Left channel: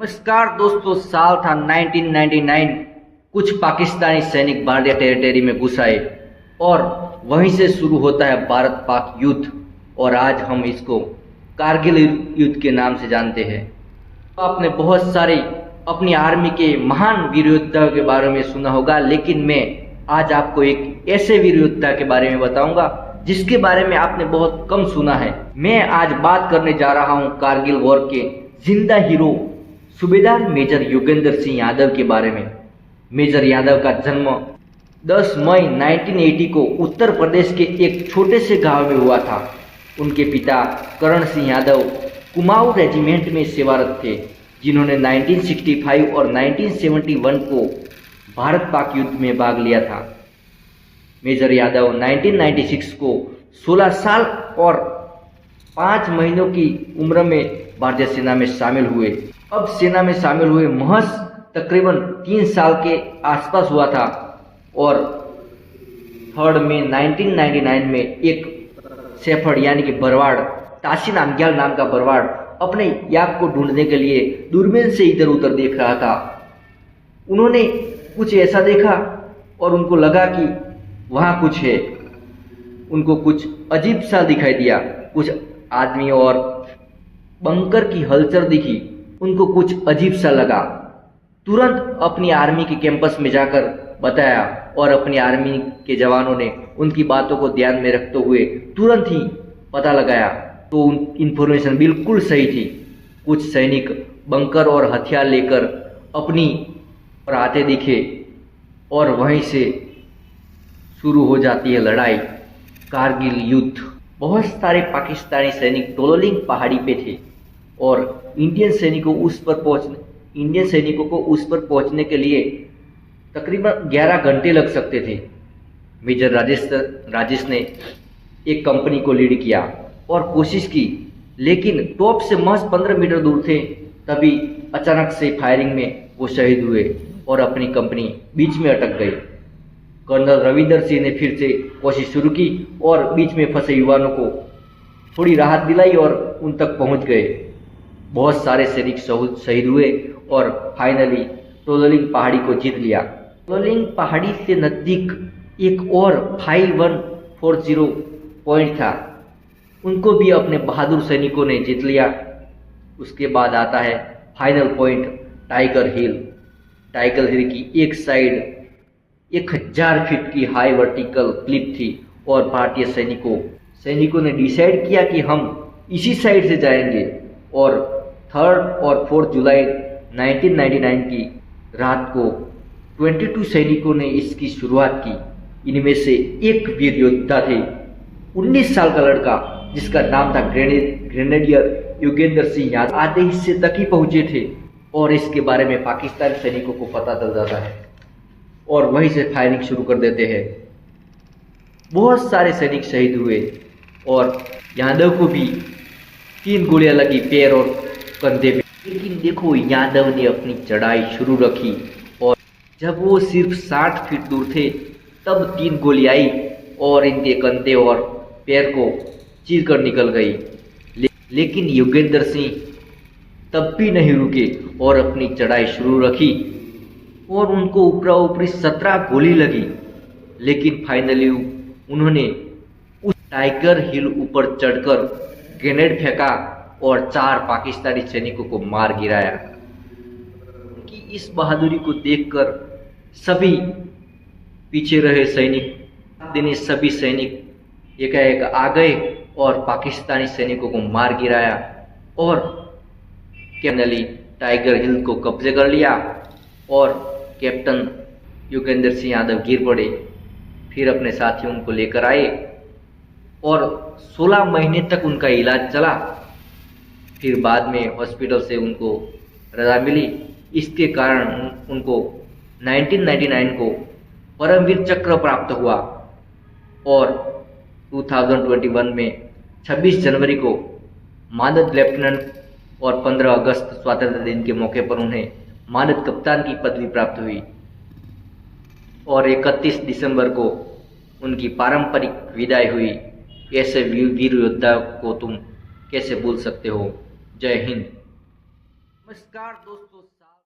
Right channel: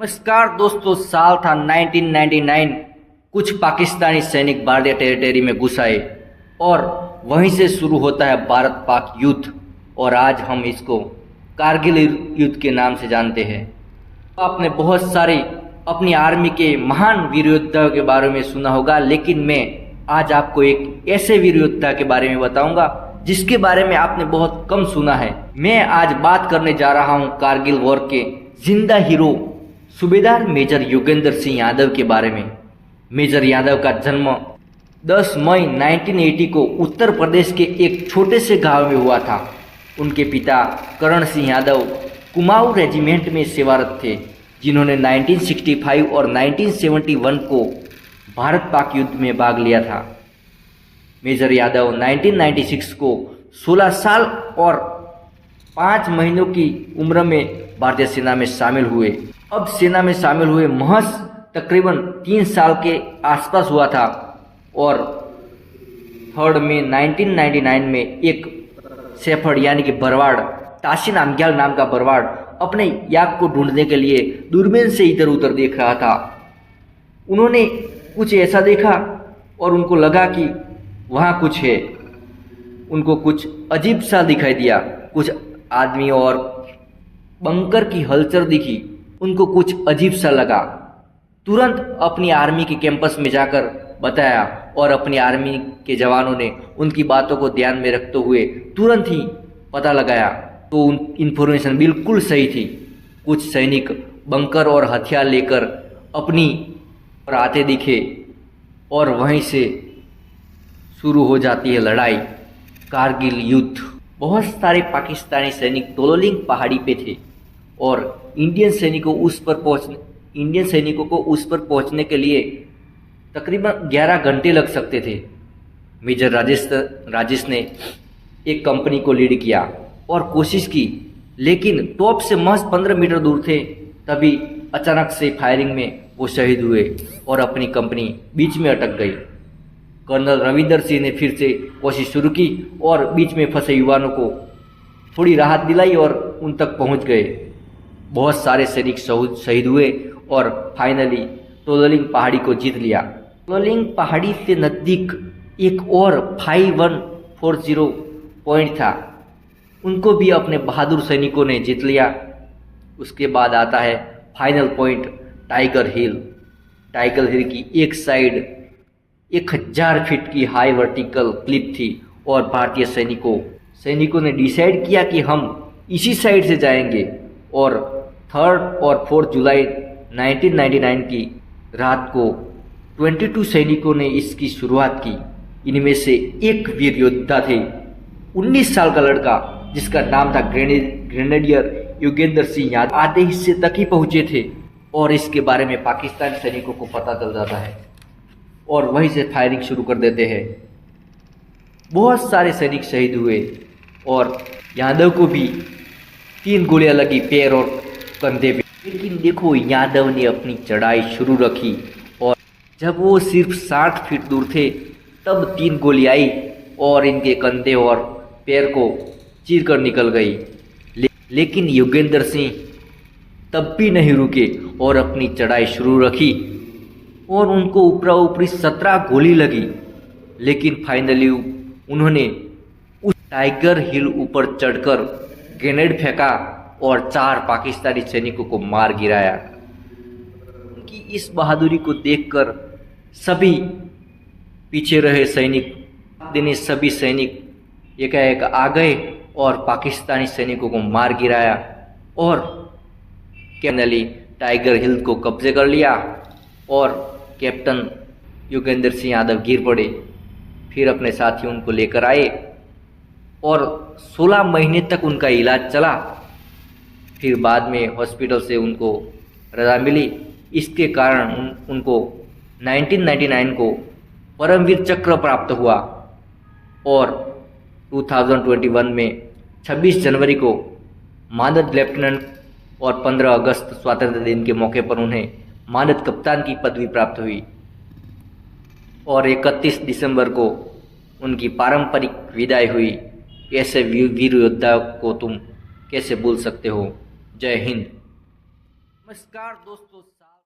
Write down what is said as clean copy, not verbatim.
नमस्कार दोस्तों, साल था 1999। कुछ पाकिस्तानी सैनिक भारतीय टेरिटरी में घुस आए और वहीं से शुरू होता है भारत पाक युद्ध। और आज हम इसको कारगिल युद्ध के नाम से जानते हैं। आपने बहुत सारे अपनी आर्मी के महान वीर योद्धाओं के बारे में सुना होगा, लेकिन मैं आज आपको एक ऐसे वीर योद्धा के बारे में बताऊंगा जिसके बारे में आपने बहुत कम सुना है। मैं आज बात करने जा रहा हूं कारगिल वॉर के जिंदा हीरो सूबेदार मेजर योगेंद्र सिंह यादव के बारे में। मेजर यादव का जन्म 10 मई 1980 को उत्तर प्रदेश के एक छोटे से गांव में हुआ था। उनके पिता करण सिंह यादव कुमाऊं रेजिमेंट में सेवारत थे, जिन्होंने 1965 और 1971 को भारत पाक युद्ध में भाग लिया था। मेजर यादव 1996 को 16 साल और 5 महीनों की उम्र में भारतीय सेना में शामिल हुए। अब सेना में शामिल हुए महज तकरीबन 3 साल के आसपास हुआ था और 3 मई 1999 में एक शेफर्ड यानी कि बरवाड़, ताशी नामग्याल नाम का बरवाड़ अपने याक को ढूंढने के लिए दूरबीन से इधर उधर देख रहा था। उन्होंने कुछ ऐसा देखा और उनको लगा कि वहाँ कुछ है। उनको कुछ अजीब सा दिखाई दिया, कुछ आदमियों और बंकर की हलचल दिखी। उनको कुछ अजीब सा लगा। तुरंत अपनी आर्मी के कैंपस में जाकर बताया और अपनी आर्मी के जवानों ने उनकी बातों को ध्यान में रखते हुए तुरंत ही पता लगाया तो इन्फॉर्मेशन बिल्कुल सही थी। कुछ सैनिक बंकर और हथियार लेकर अपनी और आते दिखे और वहीं से शुरू हो जाती है लड़ाई, कारगिल युद्ध। बहुत सारे पाकिस्तानी सैनिक दोलोलिंग पहाड़ी पे थे और इंडियन सैनिकों को उस पर पहुंचने के लिए तकरीबन 11 घंटे लग सकते थे। मेजर राजेश ने एक कंपनी को लीड किया और कोशिश की, लेकिन टॉप से महज 15 मीटर दूर थे। तभी अचानक से फायरिंग में वो शहीद हुए और अपनी कंपनी बीच में अटक गई। कर्नल रविंदर सिंह ने फिर से कोशिश शुरू की और बीच में फंसे युवाओं को थोड़ी राहत दिलाई और उन तक पहुंच गए। बहुत सारे सैनिक शहीद हुए और फाइनली तोलोलिंग पहाड़ी को जीत लिया। तोलोलिंग पहाड़ी से नज़दीक एक और 5140 पॉइंट था, उनको भी अपने बहादुर सैनिकों ने जीत लिया। उसके बाद आता है फाइनल पॉइंट टाइगर हिल। टाइगर हिल की एक साइड 1000 फीट की हाई वर्टिकल क्लिफ थी और भारतीय सैनिकों ने डिसाइड किया कि हम इसी साइड से जाएंगे। और 3 और 4 जुलाई 1999 की रात को 22 सैनिकों ने इसकी शुरुआत की। इनमें से एक वीर योद्धा थे, 19 साल का लड़का जिसका नाम था ग्रेनेडियर योगेंद्र सिंह यादव। आधे हिस्से तक ही पहुंचे थे और इसके बारे में पाकिस्तानी सैनिकों को पता चल जाता है और वहीं से फायरिंग शुरू कर देते हैं। बहुत सारे सैनिक शहीद हुए और यादव को भी 3 गोलियां लगी पैर और कंधे पे। लेकिन देखो, यादव ने अपनी चढ़ाई शुरू रखी और जब वो सिर्फ 60 फीट दूर थे तब 3 गोली आई और इनके कंधे और पैर को चीर कर निकल गई। लेकिन योगेंद्र सिंह तब भी नहीं रुके और अपनी चढ़ाई शुरू रखी और उनको ऊपरा ऊपरी 17 गोली लगी। लेकिन फाइनली उन्होंने उस टाइगर हिल ऊपर चढ़कर ग्रेनेड फेंका और 4 पाकिस्तानी सैनिकों को मार गिराया। उनकी इस बहादुरी को देखकर सभी पीछे रहे सभी सैनिक एकाएक आ गए और पाकिस्तानी सैनिकों को मार गिराया और फाइनली टाइगर हिल को कब्जे कर लिया और कैप्टन योगेंद्र सिंह यादव गिर पड़े। फिर अपने साथियों को लेकर आए और 16 महीने तक उनका इलाज चला। फिर बाद में हॉस्पिटल से उनको रजा मिली। इसके कारण उनको 1999 को परमवीर चक्र प्राप्त हुआ और 2021 में 26 जनवरी को मानद लेफ्टिनेंट और 15 अगस्त स्वतंत्रता दिन के मौके पर उन्हें मानद कप्तान की पदवी प्राप्त हुई और 31 दिसंबर को उनकी पारंपरिक विदाई हुई। ऐसे वीर योद्धा को तुम कैसे भूल सकते हो। जय हिंद। नमस्कार दोस्तों।